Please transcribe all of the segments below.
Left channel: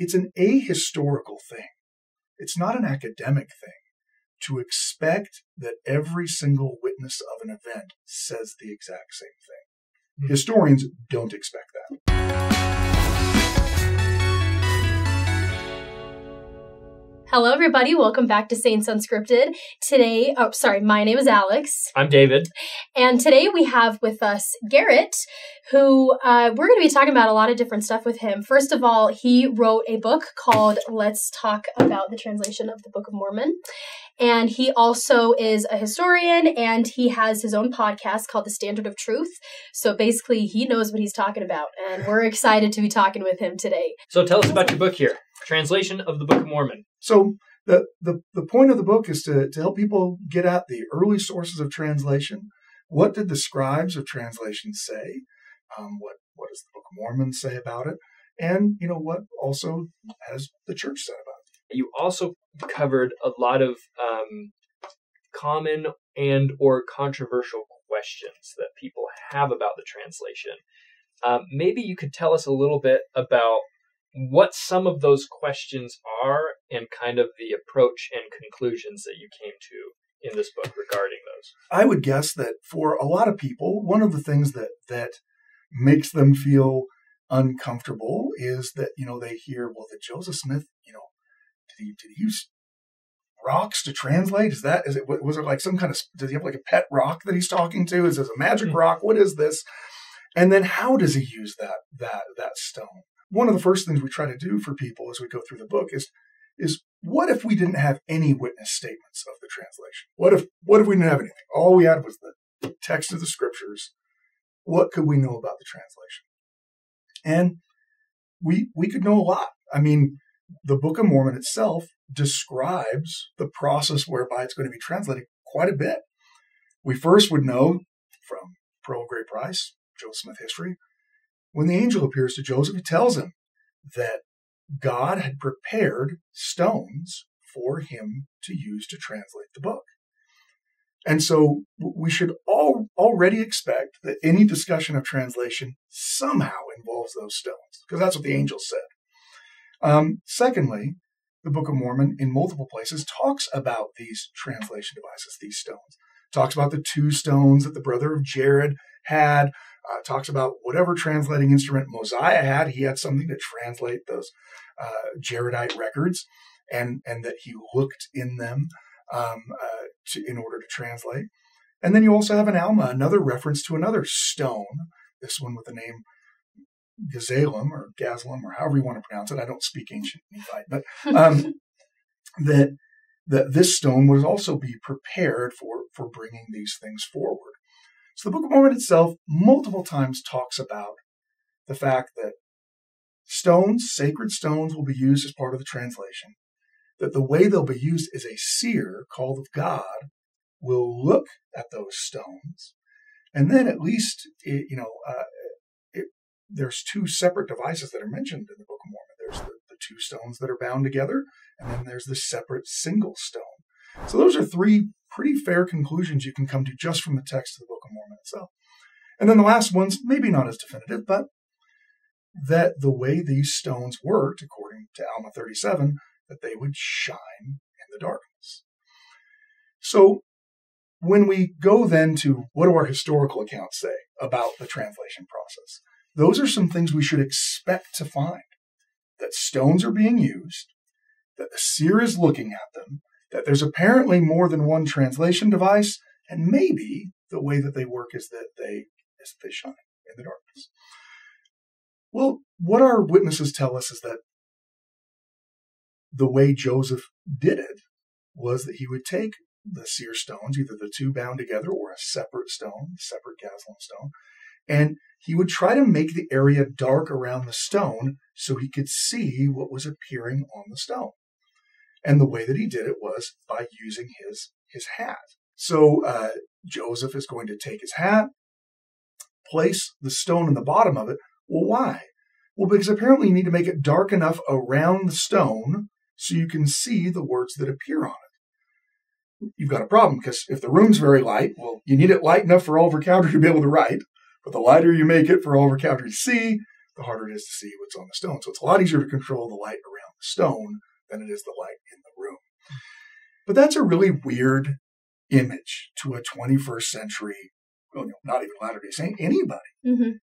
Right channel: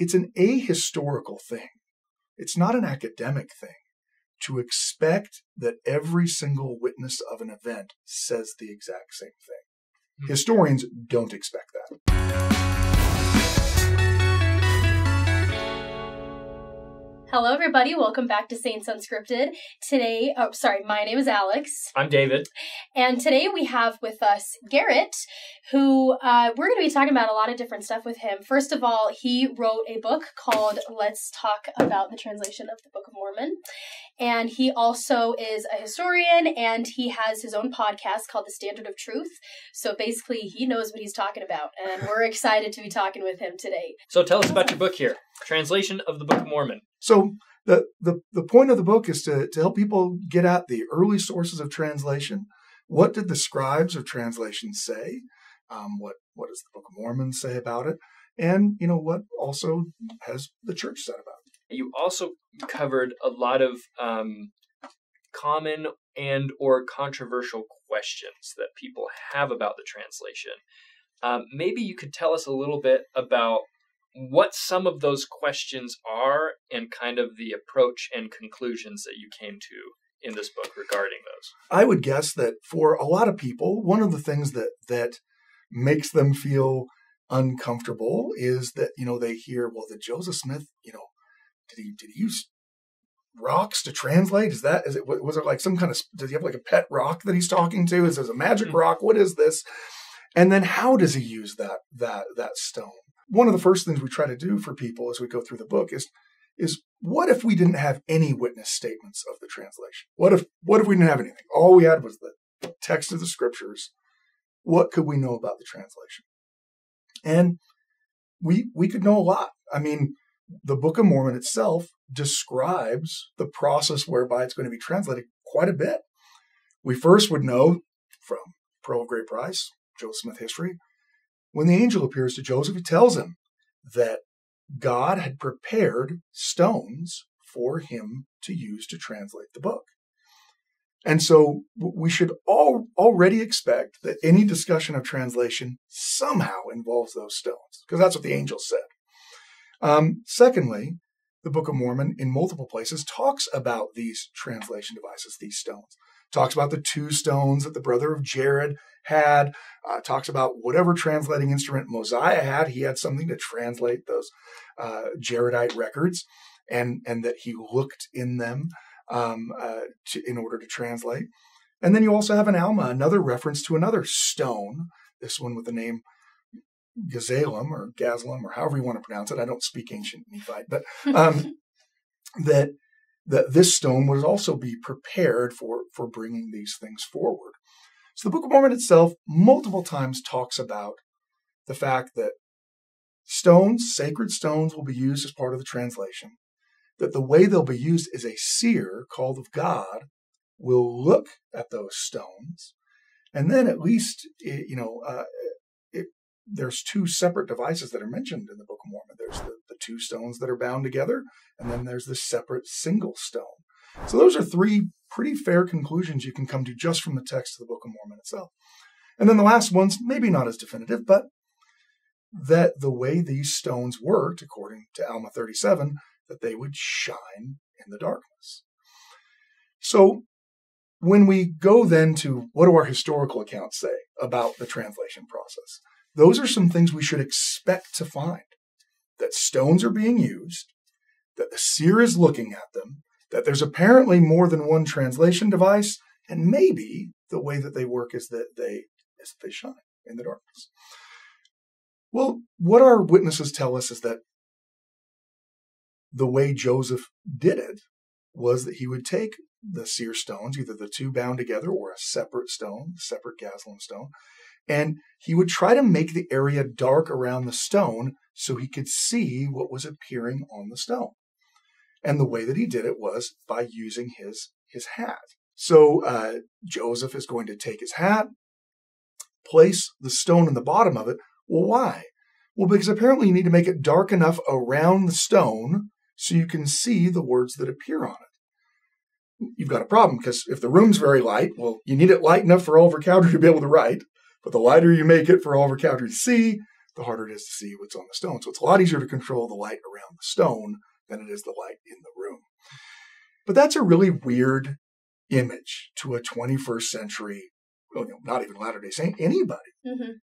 it's an ahistorical thing. It's not an academic thing to expect that every single witness of an event says the exact same thing. Mm-hmm. Historians don't expect that. Hello, everybody. Welcome back to Saints Unscripted. Today, my name is Alex. I'm David. And today we have with us Gerrit, who we're going to be talking about a lot of different stuff with him. First of all, he wrote a book called Let's Talk About the Translation of the Book of Mormon. And he also is a historian, and he has his own podcast called The Standard of Truth. So basically, he knows what he's talking about, and we're excited to be talking with him today. So tell us about your book here, Translation of the Book of Mormon. So the point of the book is to help people get at the early sources of translation. What did the scribes of translation say? What does the Book of Mormon say about it? And, what also has the church said about it? You also covered a lot of common and or controversial questions that people have about the translation. Maybe you could tell us a little bit about what some of those questions are and kind of the approach and conclusions that you came to in this book regarding those. I would guess that for a lot of people, one of the things that makes them feel uncomfortable is that, they hear, well, that Joseph Smith, did he use rocks to translate? Was there like some kind of, does he have like a pet rock that he's talking to? Is this a magic rock? What is this? And then how does he use that stone? One of the first things we try to do for people as we go through the book is what if we didn't have any witness statements of the translation? What if we didn't have anything? All we had was the text of the scriptures. What could we know about the translation? And we could know a lot. I mean, the Book of Mormon itself describes the process whereby it's going to be translated quite a bit. We first would know from Pearl of Great Price, Joseph Smith history, when the angel appears to Joseph, he tells him that God had prepared stones for him to use to translate the book. And so we should already expect that any discussion of translation somehow involves those stones, because that's what the angel said. Secondly, the Book of Mormon in multiple places talks about these translation devices, these stones. Talks about the two stones that the brother of Gerrit had. Talks about whatever translating instrument Mosiah had. He had something to translate those Gerritite records, and that he looked in them in order to translate. And then you also have an Alma, another reference to another stone, this one with the name Gazalem or however you want to pronounce it. I don't speak ancient Nephite, but that this stone would also be prepared for bringing these things forward. So the Book of Mormon itself multiple times talks about the fact that stones, sacred stones, will be used as part of the translation, that the way they'll be used is a seer called of God will look at those stones, and then at least, there's two separate devices that are mentioned in the Book of Mormon. There's the two stones that are bound together, and then there's the separate single stone. So those are three pretty fair conclusions you can come to just from the text of the Book of Mormon itself. And then the last one's maybe not as definitive, but that the way these stones worked, according to Alma 37, that they would shine in the darkness. So when we go then to what do our historical accounts say about the translation process, those are some things we should expect to find. That stones are being used, that the seer is looking at them, that there's apparently more than one translation device, and maybe the way that they work is that they shine in the darkness. Well, what our witnesses tell us is that the way Joseph did it was that he would take the seer stones, either the two bound together or a separate stone, separate Gazalem stone, and he would try to make the area dark around the stone so he could see what was appearing on the stone. And the way that he did it was by using his hat. So Joseph is going to take his hat, place the stone in the bottom of it. Well, why? Well, because apparently you need to make it dark enough around the stone so you can see the words that appear on it. You've got a problem, because if the room's very light, well, you need it light enough for Oliver Cowdery to be able to write. But the lighter you make it for Oliver Cowdery to see, the harder it is to see what's on the stone. So it's a lot easier to control the light around the stone than it is the light in the room. But that's a really weird image to a 21st century, well, not even Latter-day Saint, anybody.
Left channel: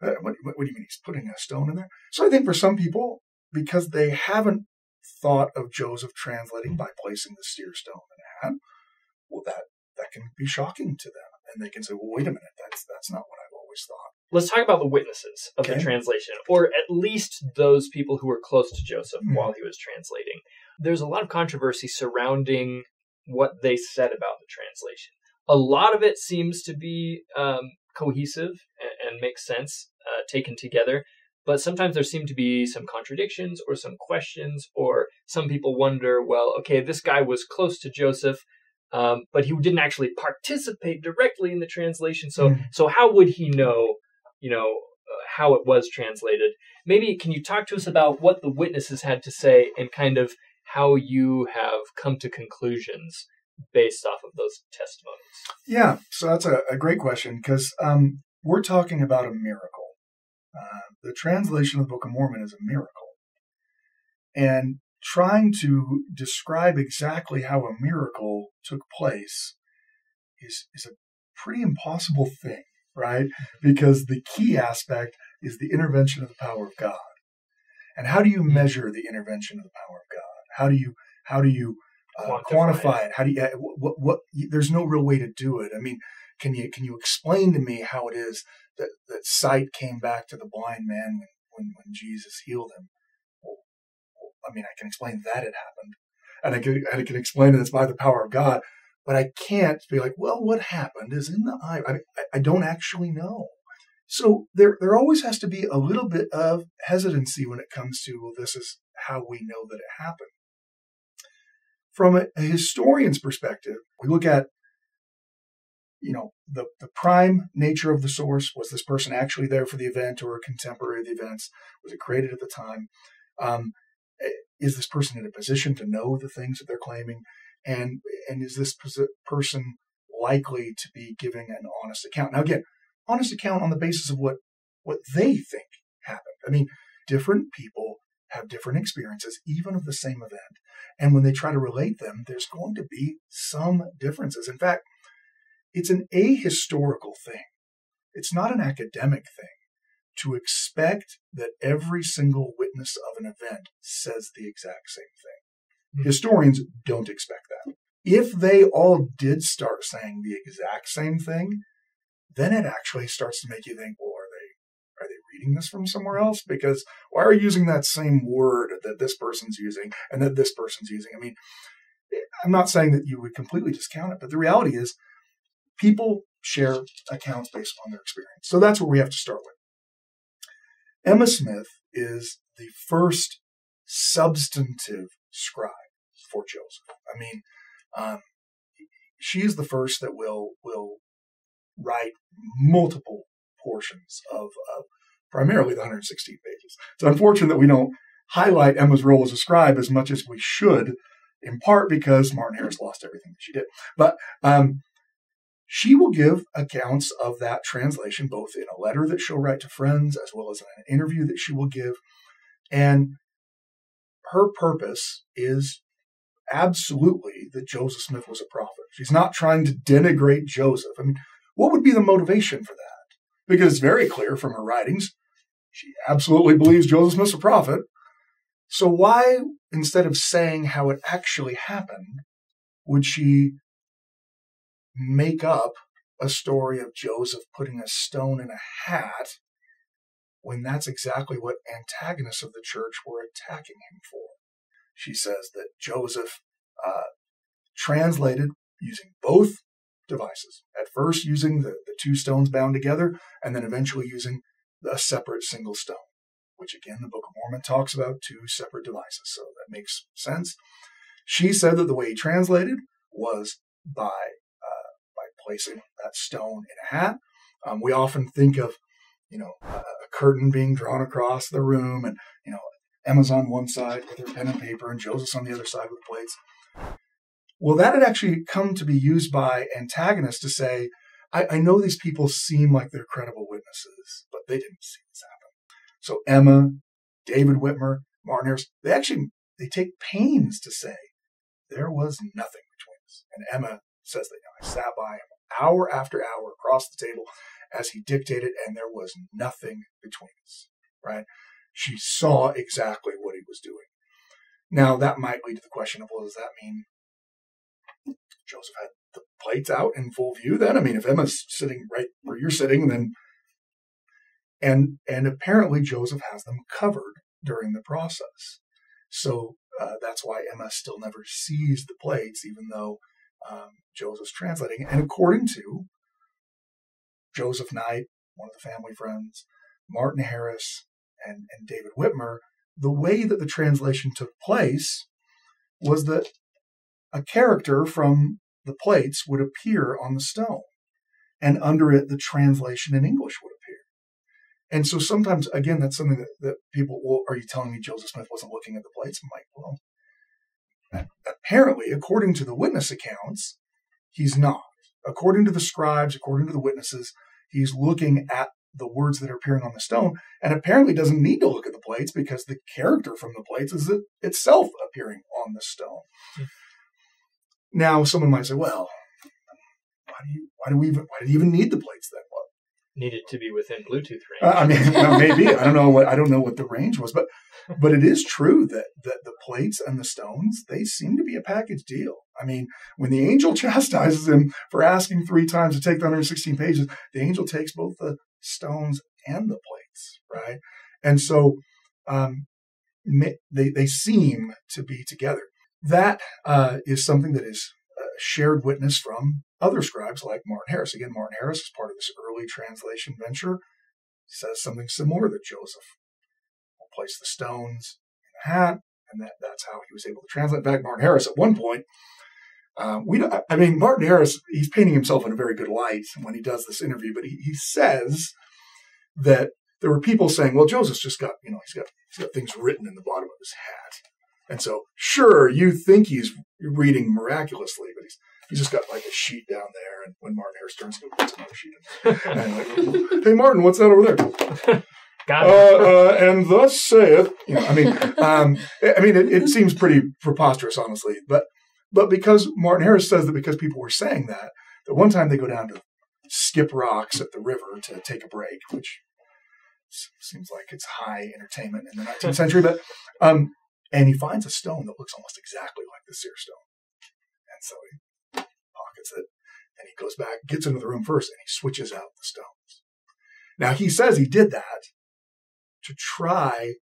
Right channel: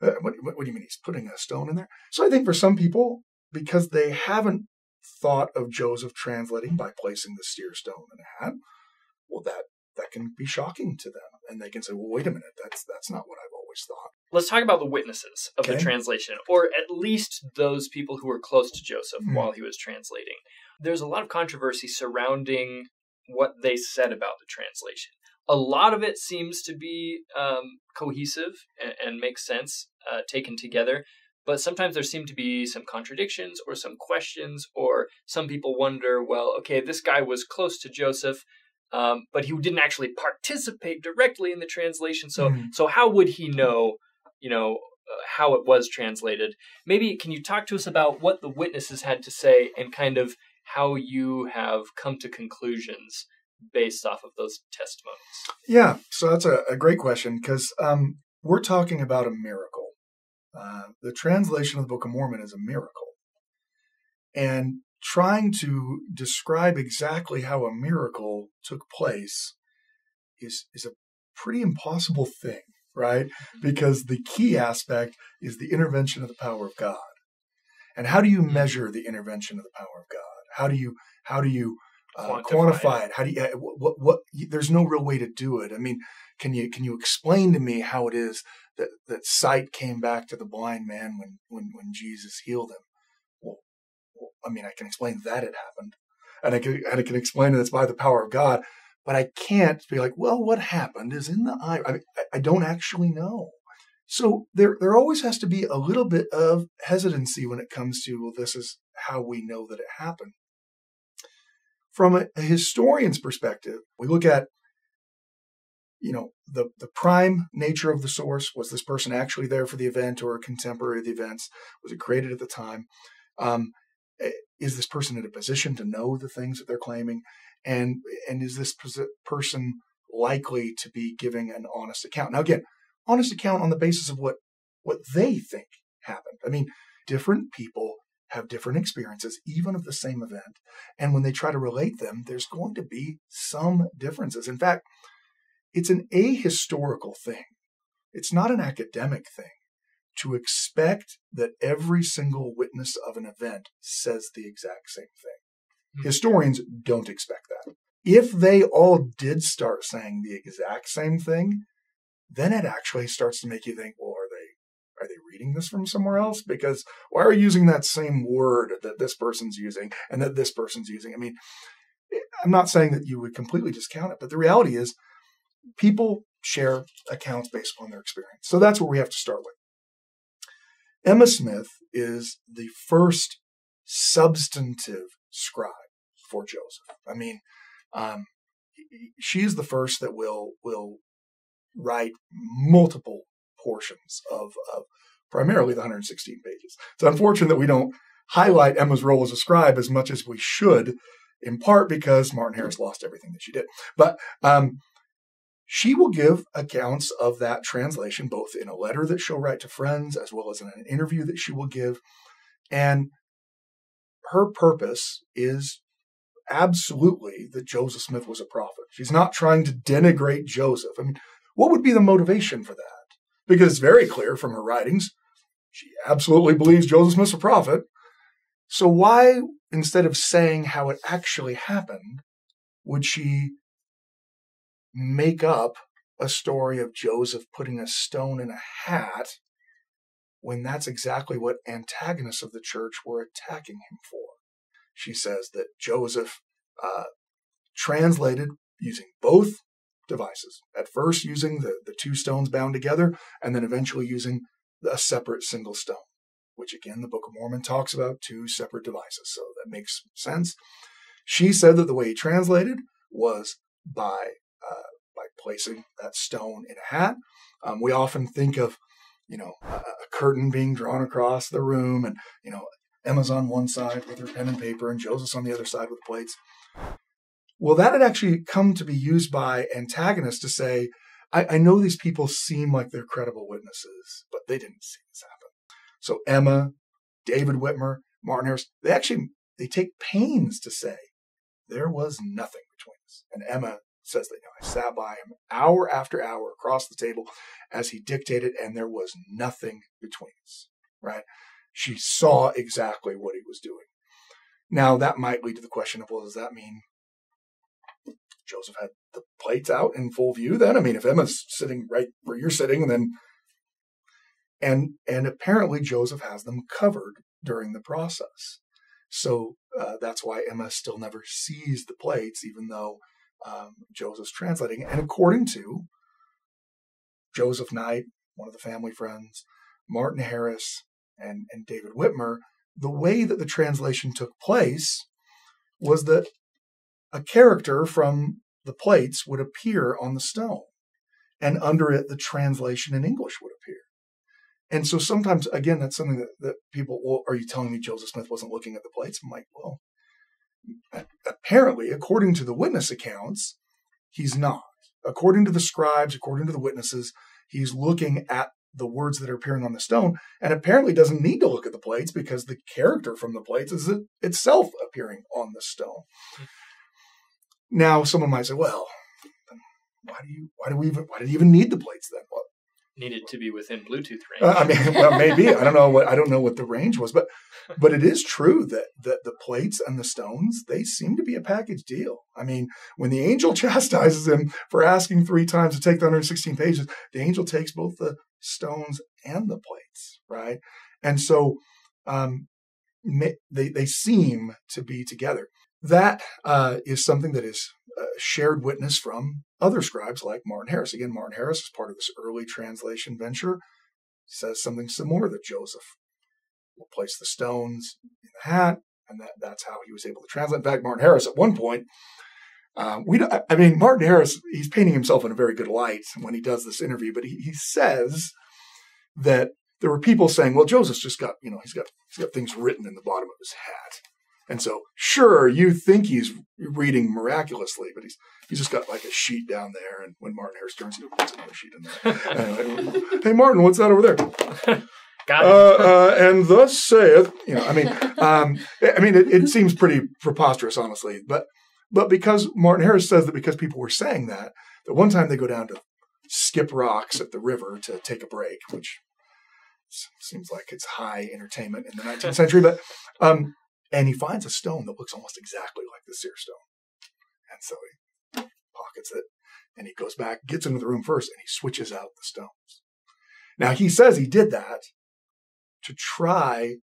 What do you mean he's putting a stone in there? So I think for some people, because they haven't thought of Joseph translating by placing the seer stone in a hat, well, that can be shocking to them. And they can say, well, wait a minute, that's not what I've always thought. Let's talk about the witnesses of the translation, or at least those people who were close to Joseph while he was translating. There's a lot of controversy surrounding what they said about the translation. A lot of it seems to be cohesive and makes sense taken together, but sometimes there seem to be some contradictions or some questions, or some people wonder, well, okay, this guy was close to Joseph, but he didn't actually participate directly in the translation. So how would he know, how it was translated? Maybe can you talk to us about what the witnesses had to say and kind of how you have come to conclusions based off of those testimonies? Yeah, so that's a great question, because we're talking about a miracle. The translation of the Book of Mormon is a miracle. And trying to describe exactly how a miracle took place is a pretty impossible thing, right? Because the key aspect is the intervention of the power of God. And how do you measure the intervention of the power of God? How do you quantify it? How do you what? There's no real way to do it. I mean, can you explain to me how it is that sight came back to the blind man when Jesus healed him? Well, I mean, I can explain that it happened, and I can explain that it's by the power of God, but I can't be like, well, what happened is in the eye. I don't actually know. So there always has to be a little bit of hesitancy when it comes to, well, this is how we know that it happened. From a historian's perspective, we look at, the prime nature of the source. Was this person actually there for the event or a contemporary of the events? Was it created at the time? Is this person in a position to know the things that they're claiming? And is this person likely to be giving an honest account? Now, again, honest account on the basis of what they think happened. I mean, different people have different experiences, even of the same event. And when they try to relate them, there's going to be some differences. In fact, it's an ahistorical thing. It's not an academic thing to expect that every single witness of an event says the exact same thing. Historians don't expect that. If they all did start saying the exact same thing, then it actually starts to make you think, well, are they reading this from somewhere else? Because why are you using that same word that this person's using and that this person's using? I mean, I'm not saying that you would completely discount it, but the reality is people share accounts based upon their experience. So that's where we have to start with. Emma Smith is the first substantive scribe for Joseph. I mean, she is the first that will write multiple portions of primarily the 116 pages. It's unfortunate that we don't highlight Emma's role as a scribe as much as we should, in part because Martin Harris lost everything that she did. But she will give accounts of that translation, both in a letter that she'll write to friends, as well as in an interview that she will give. And her purpose is absolutely that Joseph Smith was a prophet. She's not trying to denigrate Joseph. I mean, what would be the motivation for that? Because it's very clear from her writings, she absolutely believes Joseph Smith's a prophet. So why, instead of saying how it actually happened, would she make up a story of Joseph putting a stone in a hat when that's exactly what antagonists of the church were attacking him for? She says that Joseph translated using both devices. At first using the two stones bound together, and then eventually using a separate single stone, which again, the Book of Mormon talks about two separate devices. So that makes sense. She said that the way he translated was by placing that stone in a hat. We often think of, a curtain being drawn across the room, and, Emma's on one side with her pen and paper, and Joseph's on the other side with plates. Well, that had actually come to be used by antagonists to say, I know these people seem like they're credible witnesses, but they didn't see this happen. So Emma, David Whitmer, Martin Harris, they take pains to say there was nothing between us. And Emma says that, I sat by him hour after hour across the table as he dictated, and there was nothing between us, right? She saw exactly what he was doing. Now, that might lead to the question of, well, does that mean Joseph had the plates out in full view then? I mean, if Emma's sitting right where you're sitting, then and apparently Joseph has them covered during the process. So that's why Emma still never sees the plates, even though Joseph's translating. And according to Joseph Knight, one of the family friends, Martin Harris, and David Whitmer, the way that the translation took place was that a character from the plates would appear on the stone, and under it, the translation in English would appear. And so sometimes, again, that's something that people, well, are you telling me Joseph Smith wasn't looking at the plates? I'm like, well, apparently, according to the witness accounts, he's not. According to the scribes, according to the witnesses, he's looking at the words that are appearing on the stone, and apparently doesn't need to look at the plates because the character from the plates is itself appearing on the stone. Now, someone might say, well, why do you even need the plates then? Well, needed to be within Bluetooth range. I mean, well, maybe. I don't know what the range was, but it is true that the plates and the stones, they seem to be a package deal. I mean, when the angel chastises him for asking 3 times to take the 116 pages, the angel takes both the stones and the plates, right? And so they seem to be together. That is something that is shared witness from other scribes like Martin Harris. Again, Martin Harris is part of this early translation venture. He says something similar, that Joseph will place the stones in the hat, and that's how he was able to translate. In fact, Martin Harris, at one point, Martin Harris, he's painting himself in a very good light when he does this interview, but he says that there were people saying, well, Joseph's just got, he's got things written in the bottom of his hat. And so, sure, you think he's reading miraculously, but he's just got like a sheet down there. And when Martin Harris turns to it, there's another sheet in there. Hey, Martin, what's that over there? Got it. And thus saith, it seems pretty preposterous, honestly. But because Martin Harris says that because people were saying that one time they go down to skip rocks at the river to take a break, which seems like it's high entertainment in the 19th century, but and he finds a stone that looks almost exactly like the seer stone. And so he pockets it, and he goes back, gets into the room first, and he switches out the stones. Now, he says he did that to try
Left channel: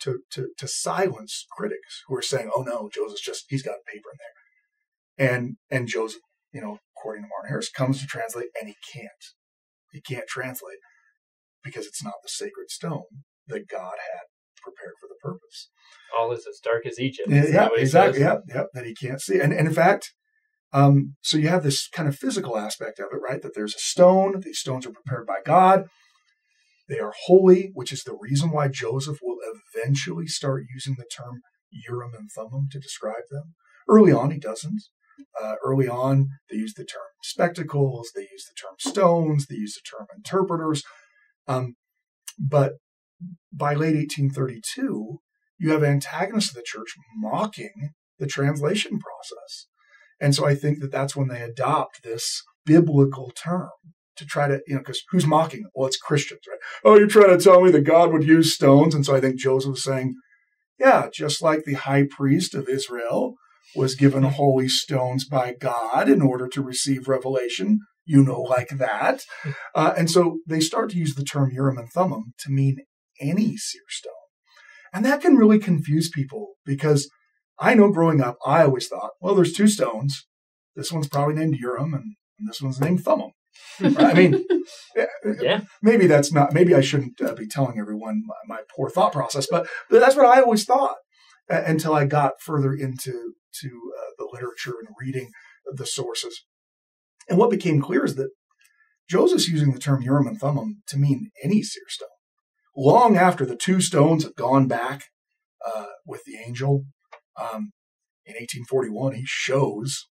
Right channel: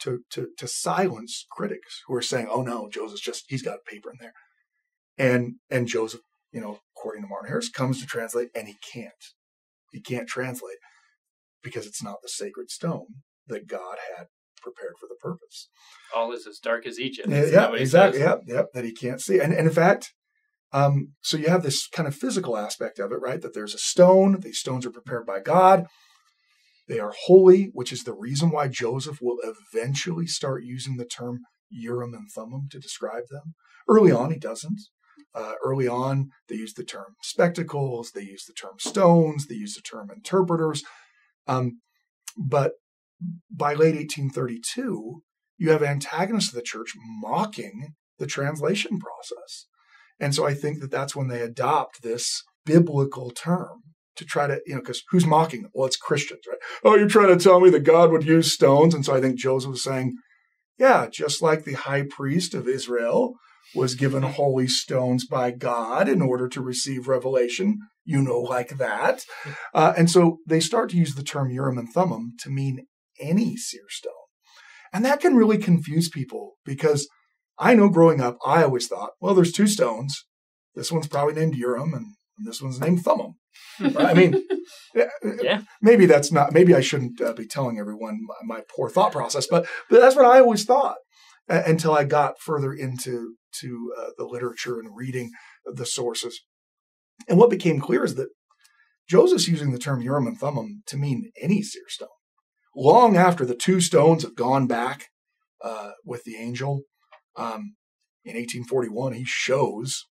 to silence critics who are saying, oh, no, Joseph's he's got paper in there. And Joseph, according to Martin Harris, comes to translate, and he can't. He can't translate because it's not the sacred stone that God had prepared for the purpose. All is as dark as Egypt. Yeah, exactly. Yeah, that he can't see. And in fact, so you have this kind of physical aspect of it, right? That there's a stone. These stones are prepared by God. They are holy, which is the reason why Joseph will eventually start using the term Urim and Thummim to describe them. Early on, he doesn't. Early on, they use the term spectacles. They use the term stones. They use the term interpreters. But by late 1832, you have antagonists of the church mocking the translation process. And so I think that's when they adopt this biblical term to try to, because who's mocking them? Well, it's Christians, right? Oh, you're trying to tell me that God would use stones? And so I think Joseph was saying, yeah, just like the high priest of Israel was given holy stones by God in order to receive revelation, like that. And so they start to use the term Urim and Thummim to mean any seer stone. And that can really confuse people because I know growing up, I always thought, well, there's 2 stones. This one's probably named Urim and this one's named Thummim. Right? I mean, yeah. Maybe I shouldn't be telling everyone my poor thought process, but that's what I always thought until I got further into the literature and reading the sources. And what became clear is that Joseph's using the term Urim and Thummim to mean any seer stone. Long after the 2 stones have gone back with the angel, in 1841, he shows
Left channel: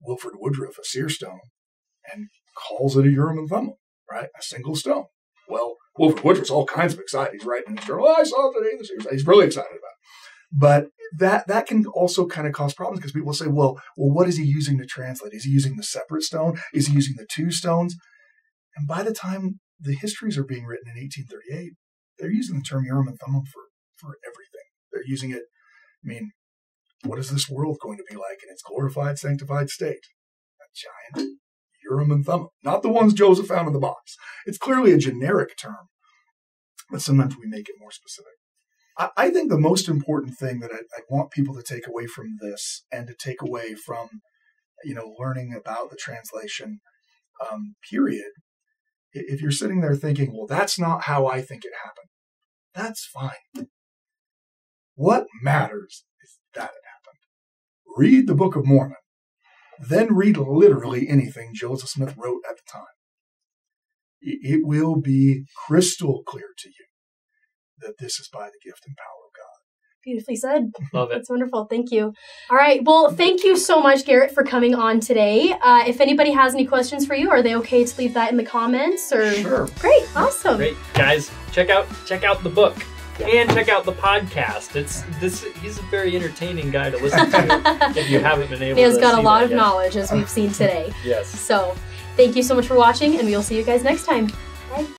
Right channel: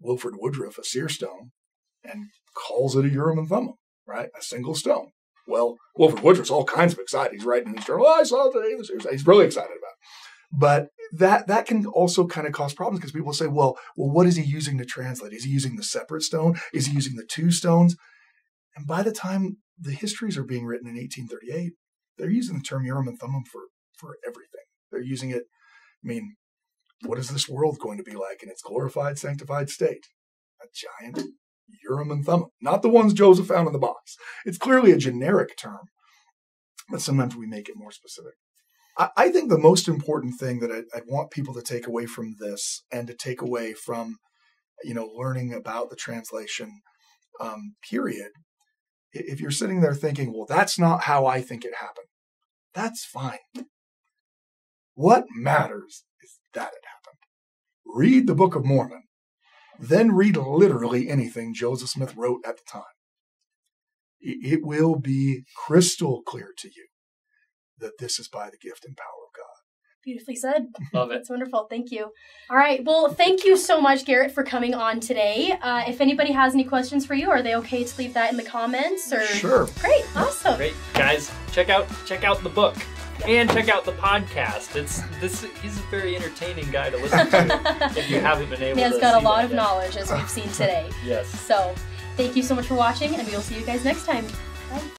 Wilford Woodruff a seer stone and calls it a Urim and Thummim, right? A single stone. Well, Wilford Woodruff's all kinds of excited. He's writing in his journal, I saw it today. He's really excited about it. But that can also kind of cause problems because people say, well, what is he using to translate? Is he using the separate stone? Is he using the two stones? And by the time the histories are being written in 1838, they're using the term Urim and Thummim for everything. They're using it, what is this world going to be like in its glorified, sanctified state? A giant Urim and Thummim, not the ones Joseph found in the box. It's clearly a generic term, but sometimes we make it more specific. I think the most important thing that I want people to take away from this and to take away from, learning about the translation period, if you're sitting there thinking, well, that's not how I think it happened, that's fine. What matters is that it happened. Read the Book of Mormon, then read literally anything Joseph Smith wrote at the time. It will be crystal clear to you that this is by the gift and power of God. Beautifully said. Love it. That's wonderful. Thank you. All right. Well, thank you so much, Gerrit, for coming on today. If anybody has any questions for you, are they okay to leave that in the comments? Or Sure. Great. Awesome. Great. Guys, check out the book. And check out the podcast. He's a very entertaining guy to listen to if you haven't been able to. He has got a see lot that of yet. knowledge, as we've seen today. Yes. So, thank you so much for watching, and we will see you guys next time. Bye.